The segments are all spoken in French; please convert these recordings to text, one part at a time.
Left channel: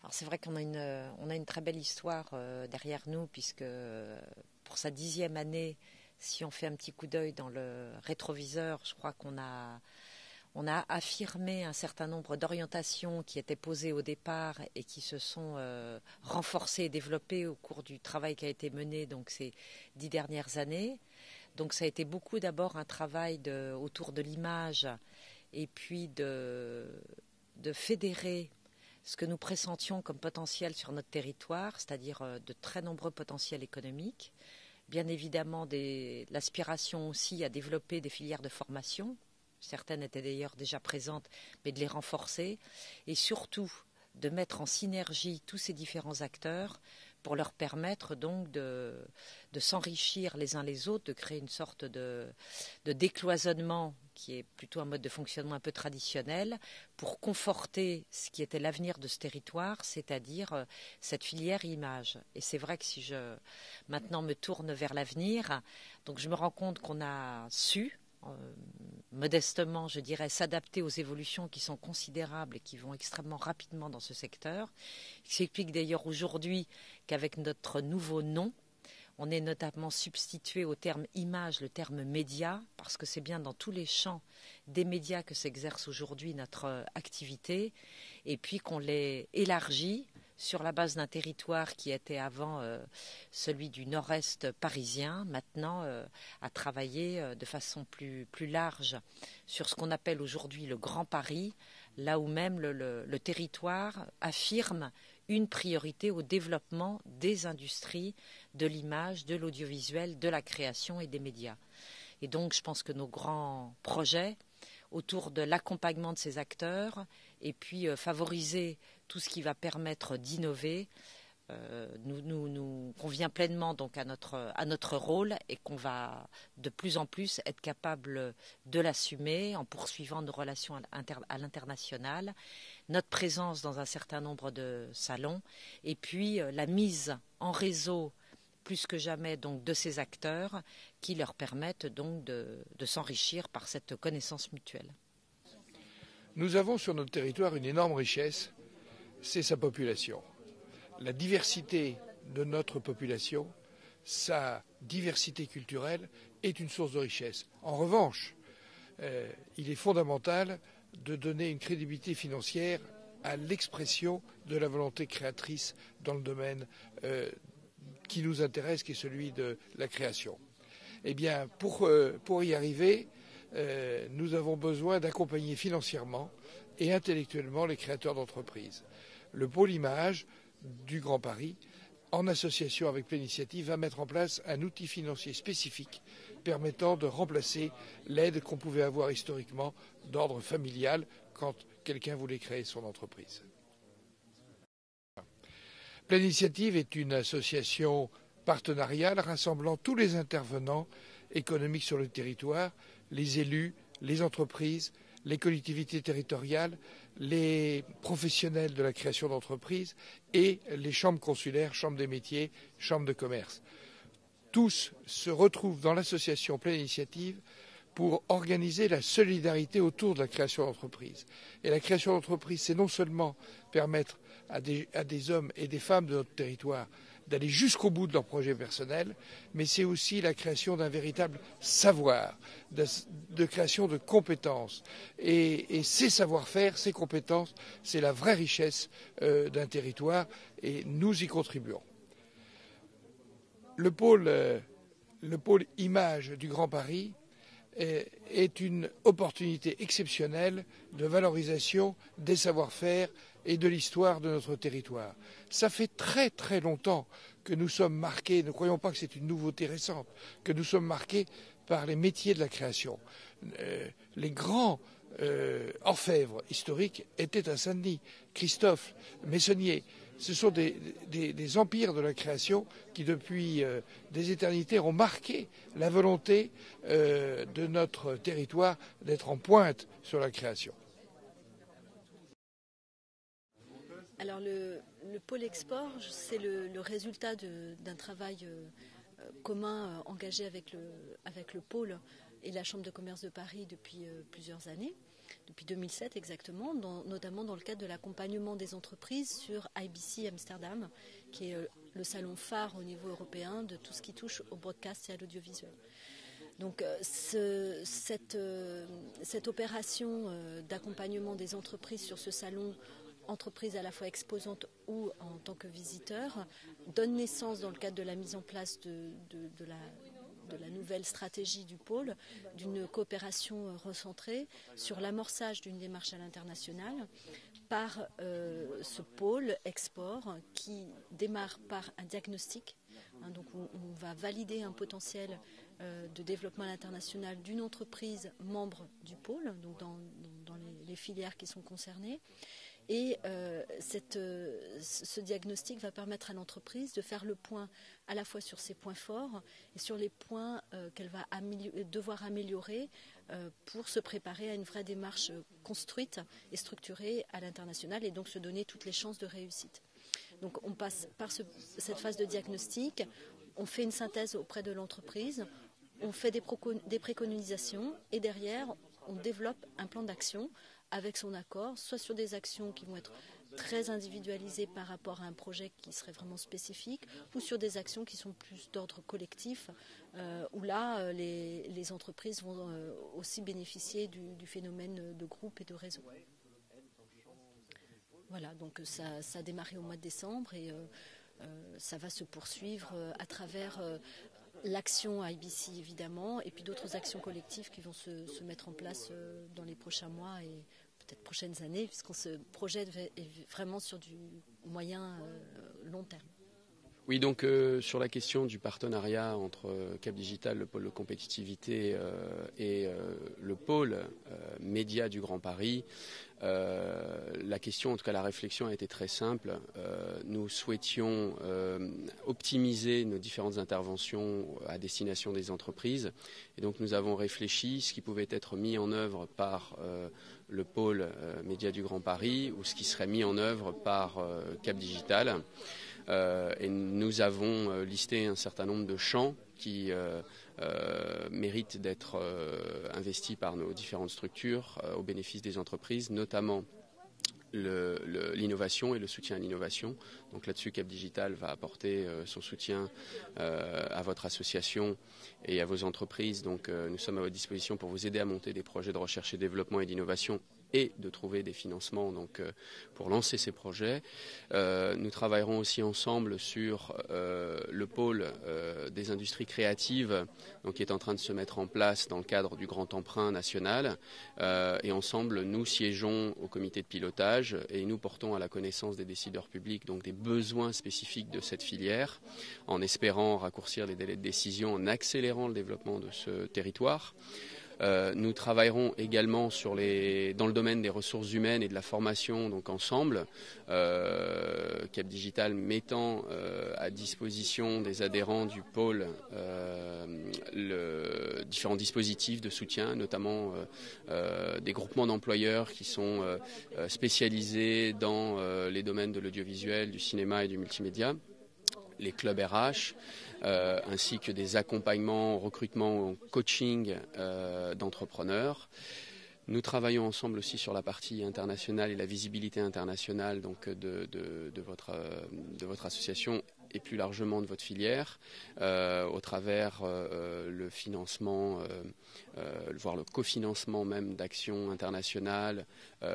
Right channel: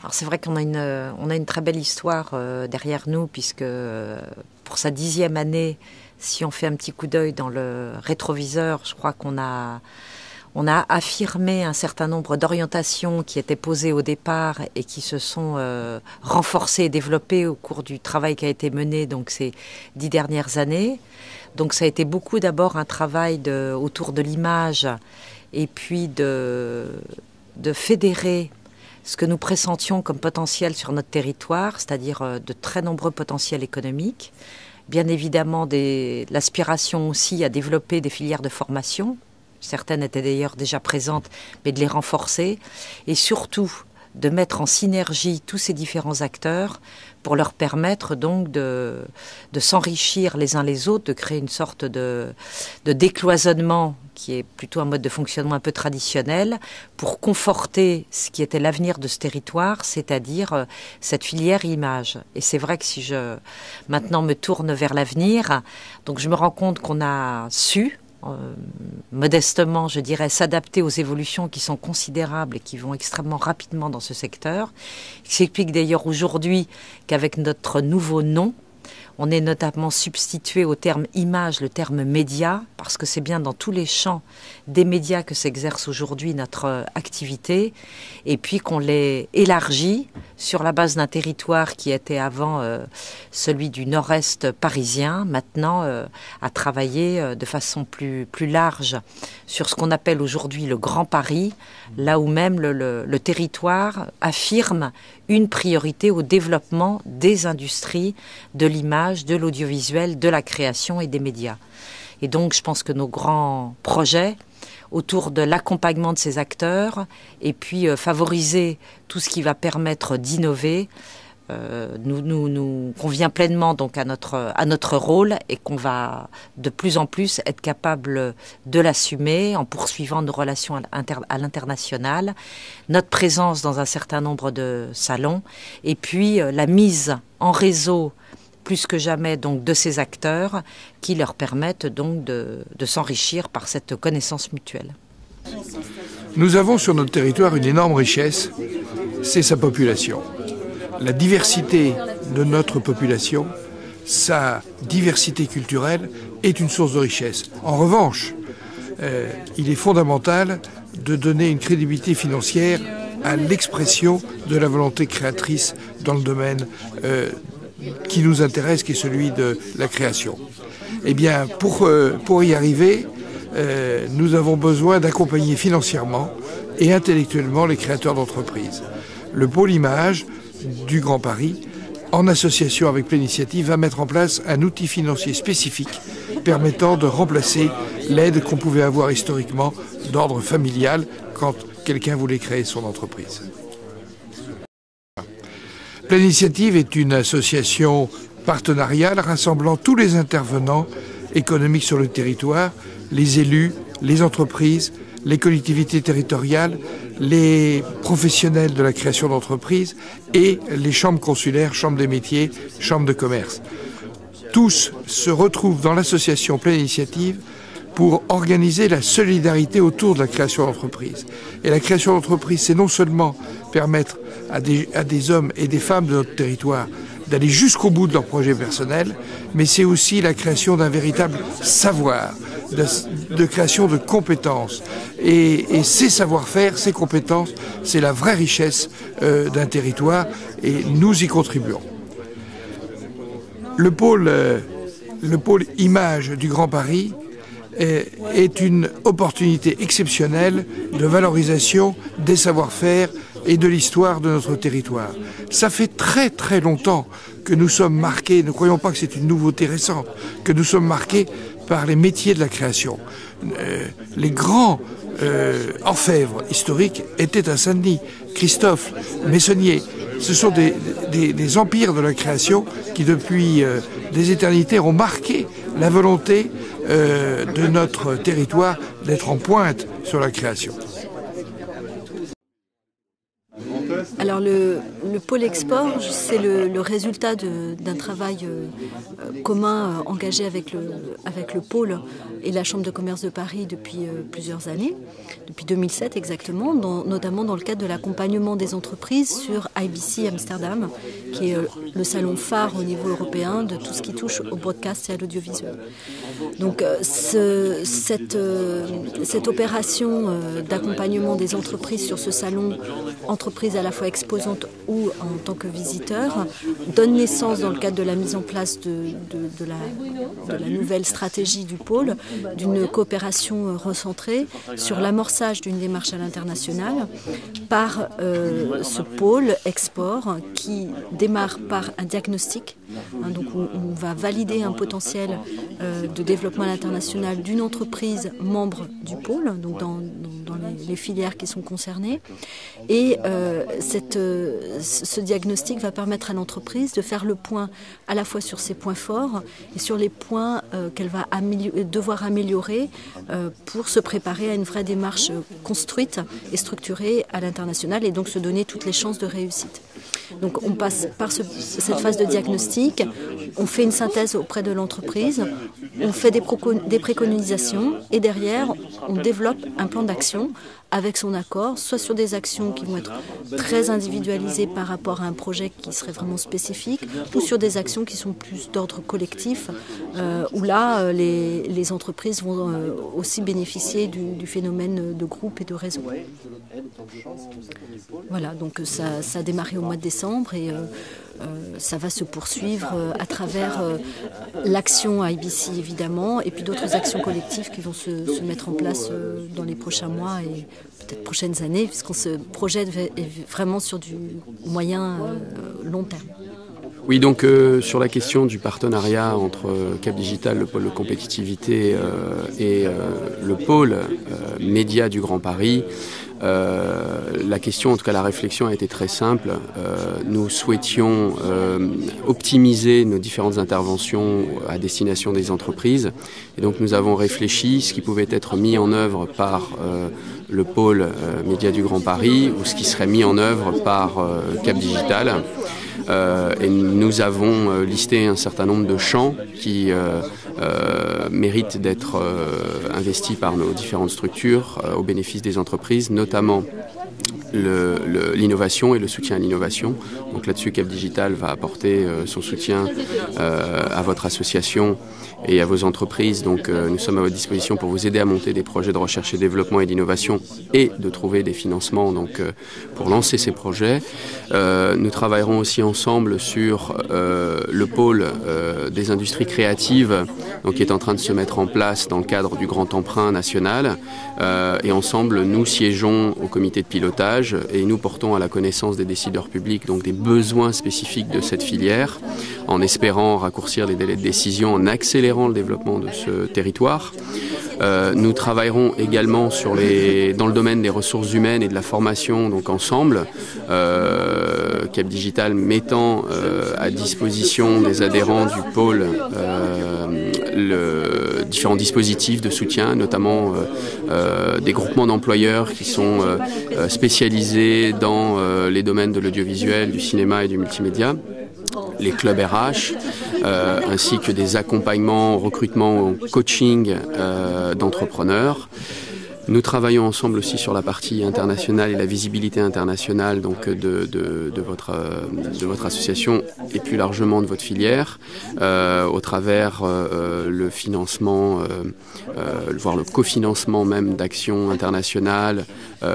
Alors c'est vrai qu'on a une très belle histoire derrière nous, puisque pour sa 10e année, si on fait un petit coup d'œil dans le rétroviseur, je crois qu'on a affirmé un certain nombre d'orientations qui étaient posées au départ et qui se sont renforcées et développées au cours du travail qui a été mené donc ces 10 dernières années. Donc ça a été beaucoup d'abord un travail autour de l'image et puis de fédérer ce que nous pressentions comme potentiel sur notre territoire, c'est-à-dire de très nombreux potentiels économiques. Bien évidemment, l'aspiration aussi à développer des filières de formation. Certaines étaient d'ailleurs déjà présentes, mais de les renforcer. Et surtout, de mettre en synergie tous ces différents acteurs pour leur permettre donc de s'enrichir les uns les autres, de créer une sorte de décloisonnement qui est plutôt un mode de fonctionnement un peu traditionnel, pour conforter ce qui était l'avenir de ce territoire, c'est-à-dire cette filière image. Et c'est vrai que si je maintenant me tourne vers l'avenir, donc je me rends compte qu'on a su, modestement, je dirais, s'adapter aux évolutions qui sont considérables et qui vont extrêmement rapidement dans ce secteur. Il s'explique d'ailleurs aujourd'hui qu'avec notre nouveau nom, on est notamment substitué au terme image, le terme média, parce que c'est bien dans tous les champs des médias que s'exerce aujourd'hui notre activité, et puis qu'on l'ait élargi sur la base d'un territoire qui était avant celui du nord-est parisien, maintenant à travailler de façon plus large sur ce qu'on appelle aujourd'hui le Grand Paris, là où même le territoire affirme une priorité au développement des industries, de l'image, de l'audiovisuel, de la création et des médias. Et donc je pense que nos grands projets autour de l'accompagnement de ces acteurs et puis favoriser tout ce qui va permettre d'innover nous convient pleinement donc à notre rôle, et qu'on va de plus en plus être capable de l'assumer en poursuivant nos relations à l'international, notre présence dans un certain nombre de salons, et puis la mise en réseau plus que jamais donc de ces acteurs qui leur permettent donc de s'enrichir par cette connaissance mutuelle. Nous avons sur notre territoire une énorme richesse, c'est sa population. La diversité de notre population, sa diversité culturelle est une source de richesse. En revanche, il est fondamental de donner une crédibilité financière à l'expression de la volonté créatrice dans le domaine qui nous intéresse, qui est celui de la création. Eh bien, pour y arriver, nous avons besoin d'accompagner financièrement et intellectuellement les créateurs d'entreprises. Le pôle image du Grand Paris, en association avec Pléninitiative, va mettre en place un outil financier spécifique permettant de remplacer l'aide qu'on pouvait avoir historiquement d'ordre familial quand quelqu'un voulait créer son entreprise. Pléninitiative est une association partenariale rassemblant tous les intervenants économiques sur le territoire, les élus, les entreprises, les collectivités territoriales, les professionnels de la création d'entreprises et les chambres consulaires, chambres des métiers, chambres de commerce. Tous se retrouvent dans l'association Pléninitiative pour organiser la solidarité autour de la création d'entreprise. Et la création d'entreprise, c'est non seulement permettre à des hommes et des femmes de notre territoire d'aller jusqu'au bout de leur projet personnel, mais c'est aussi la création d'un véritable savoir, de création de compétences. Et ces savoir-faire, ces compétences, c'est la vraie richesse d'un territoire, et nous y contribuons. Le pôle image du Grand Paris est une opportunité exceptionnelle de valorisation des savoir-faire et de l'histoire de notre territoire. Ça fait très très longtemps que nous sommes marqués, ne croyons pas que c'est une nouveauté récente, que nous sommes marqués par les métiers de la création. Les grands orfèvres historiques étaient à Saint-Denis, Christophe, Meissonnier. Ce sont des empires de la création qui, depuis des éternités, ont marqué la volonté de notre territoire d'être en pointe sur la création. Alors le pôle export, c'est le résultat d'un travail commun engagé avec le pôle et la Chambre de commerce de Paris depuis plusieurs années, depuis 2007 exactement, notamment dans le cadre de l'accompagnement des entreprises sur IBC Amsterdam, qui est le salon phare au niveau européen de tout ce qui touche au broadcast et à l'audiovisuel. Donc cette opération d'accompagnement des entreprises sur ce salon, entreprises à la fois exposantes ou en tant que visiteurs, donne naissance dans le cadre de la mise en place de la nouvelle stratégie du pôle, d'une coopération recentrée sur l'amorçage d'une démarche à l'international par ce pôle export qui démarre par un diagnostic. Donc on va valider un potentiel de développement à l'international d'une entreprise membre du pôle, donc dans les filières qui sont concernées. Et ce diagnostic va permettre à l'entreprise de faire le point à la fois sur ses points forts et sur les points qu'elle va devoir améliorer pour se préparer à une vraie démarche construite et structurée à l'international et donc se donner toutes les chances de réussite. Donc on passe par cette phase de diagnostic, on fait une synthèse auprès de l'entreprise, on fait des préconisations et derrière on développe un plan d'action avec son accord, soit sur des actions qui vont être très individualisées par rapport à un projet qui serait vraiment spécifique, ou sur des actions qui sont plus d'ordre collectif, où là les entreprises vont aussi bénéficier du phénomène de groupe et de réseau. Voilà, donc ça a démarré au mois de décembre et ça va se poursuivre à travers l'action IBC évidemment et puis d'autres actions collectives qui vont se mettre en place dans les prochains mois et peut-être prochaines années puisqu'on se projette vraiment sur du moyen long terme. Oui, donc sur la question du partenariat entre Cap Digital, le pôle de compétitivité et le pôle média du Grand Paris, la question, en tout cas la réflexion a été très simple. Nous souhaitions optimiser nos différentes interventions à destination des entreprises et donc nous avons réfléchi ce qui pouvait être mis en œuvre par le pôle média du Grand Paris ou ce qui serait mis en œuvre par Cap Digital. Et nous avons listé un certain nombre de champs qui méritent d'être investis par nos différentes structures au bénéfice des entreprises, notamment l'innovation et le soutien à l'innovation. Donc là-dessus, Cap Digital va apporter son soutien à votre association et à vos entreprises. Donc nous sommes à votre disposition pour vous aider à monter des projets de recherche et développement et d'innovation et de trouver des financements pour lancer ces projets. Nous travaillerons aussi ensemble sur le pôle des industries créatives qui est en train de se mettre en place dans le cadre du Grand Emprunt national. Et ensemble, nous siégeons au comité de pilotage et nous portons à la connaissance des décideurs publics donc des besoins spécifiques de cette filière en espérant raccourcir les délais de décision, en accélérant le développement de ce territoire. Nous travaillerons également dans le domaine des ressources humaines et de la formation donc ensemble, Cap Digital mettant à disposition des adhérents du pôle différents dispositifs de soutien, notamment des groupements d'employeurs qui sont spécialisés dans les domaines de l'audiovisuel, du cinéma et du multimédia, les clubs RH, ainsi que des accompagnements, recrutement, coaching d'entrepreneurs. Nous travaillons ensemble aussi sur la partie internationale et la visibilité internationale donc de votre association et plus largement de votre filière au travers le financement, voire le cofinancement même d'actions internationales,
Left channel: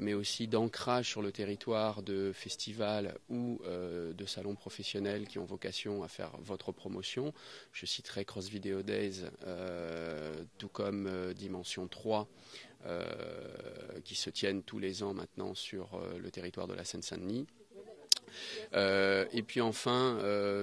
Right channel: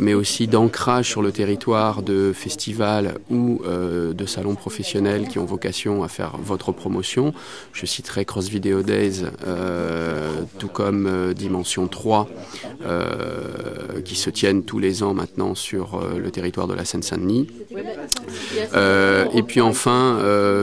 mais aussi d'ancrage sur le territoire de festivals ou de salons professionnels qui ont vocation à faire votre promotion. Je citerai Cross Video Days, tout comme Dimension 3, qui se tiennent tous les ans maintenant sur le territoire de la Seine-Saint-Denis. Et puis enfin,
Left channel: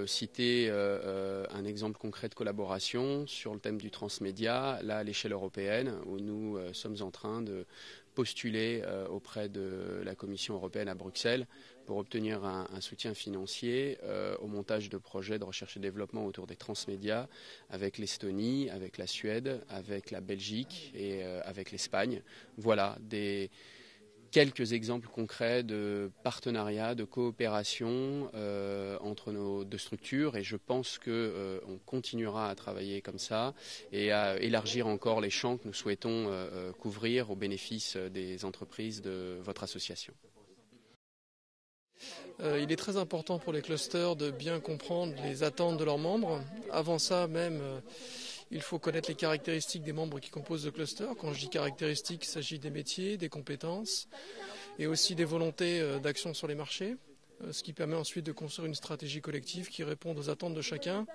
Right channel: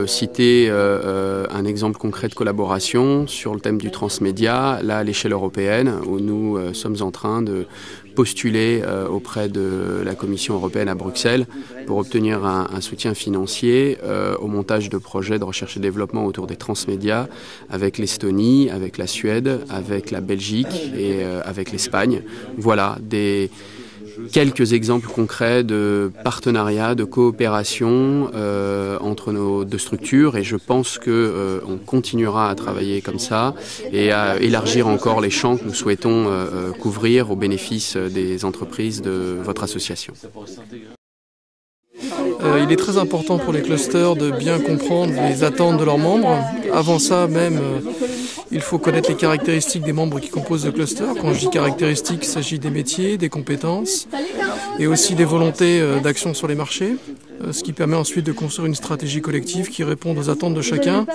citer un exemple concret de collaboration sur le thème du transmédia, là à l'échelle européenne, où nous sommes en train de postuler auprès de la Commission européenne à Bruxelles pour obtenir un soutien financier au montage de projets de recherche et développement autour des transmédias avec l'Estonie, avec la Suède, avec la Belgique et avec l'Espagne. Voilà, des quelques exemples concrets de partenariat, de coopération entre nos deux structures, et je pense qu'on continuera à travailler comme ça et à élargir encore les champs que nous souhaitons couvrir au bénéfice des entreprises de votre association. Il est très important pour les clusters de bien comprendre les attentes de leurs membres. Avant ça même, il faut connaître les caractéristiques des membres qui composent le cluster. Quand je dis caractéristiques, il s'agit des métiers, des compétences et aussi des volontés d'action sur les marchés, ce qui permet ensuite de construire une stratégie collective qui réponde aux attentes de chacun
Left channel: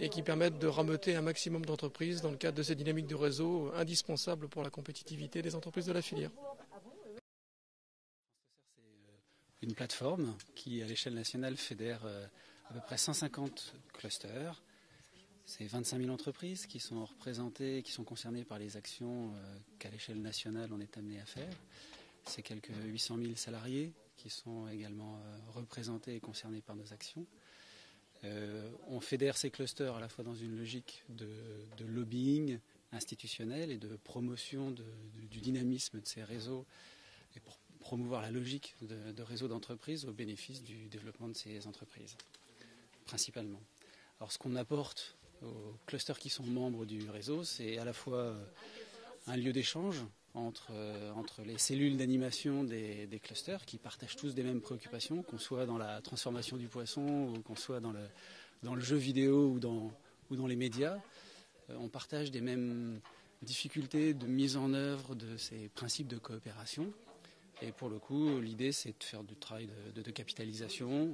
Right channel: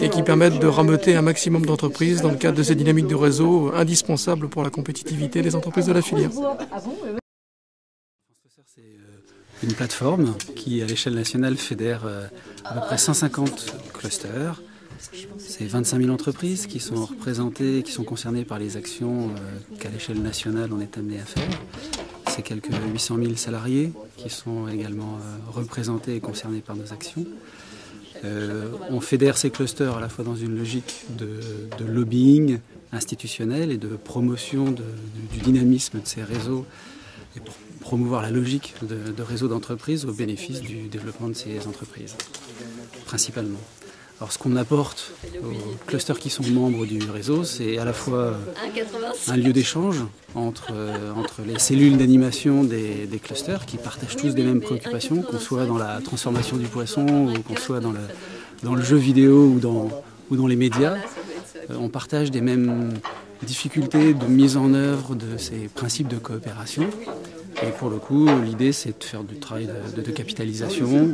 et qui permette de rameuter un maximum d'entreprises dans le cadre de ces dynamiques de réseau indispensables pour la compétitivité des entreprises de la filière. Une plateforme qui, à l'échelle nationale, fédère à peu près 150 clusters. C'est 25 000 entreprises qui sont représentées, qui sont concernées par les actions qu'à l'échelle nationale on est amené à faire. C'est quelques 800 000 salariés qui sont également représentés et concernés par nos actions. On fédère ces clusters à la fois dans une logique de lobbying institutionnel et de promotion du dynamisme de ces réseaux et pour promouvoir la logique de réseau d'entreprises au bénéfice du développement de ces entreprises, principalement. Alors ce qu'on apporte aux clusters qui sont membres du réseau, c'est à la fois un lieu d'échange entre les cellules d'animation des clusters qui partagent tous des mêmes préoccupations, qu'on soit dans la transformation du poisson ou qu'on soit dans le jeu vidéo ou dans les médias. On partage des mêmes difficultés de mise en œuvre de ces principes de coopération. Et pour le coup, l'idée, c'est de faire du travail de capitalisation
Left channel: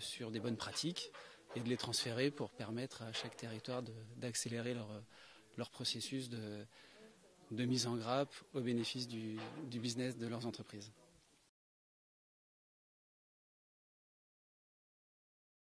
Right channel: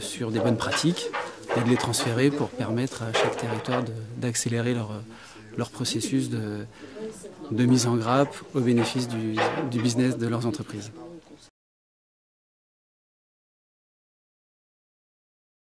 sur des bonnes pratiques et de les transférer pour permettre à chaque territoire d'accélérer leur processus de mise en grappe au bénéfice du business de leurs entreprises.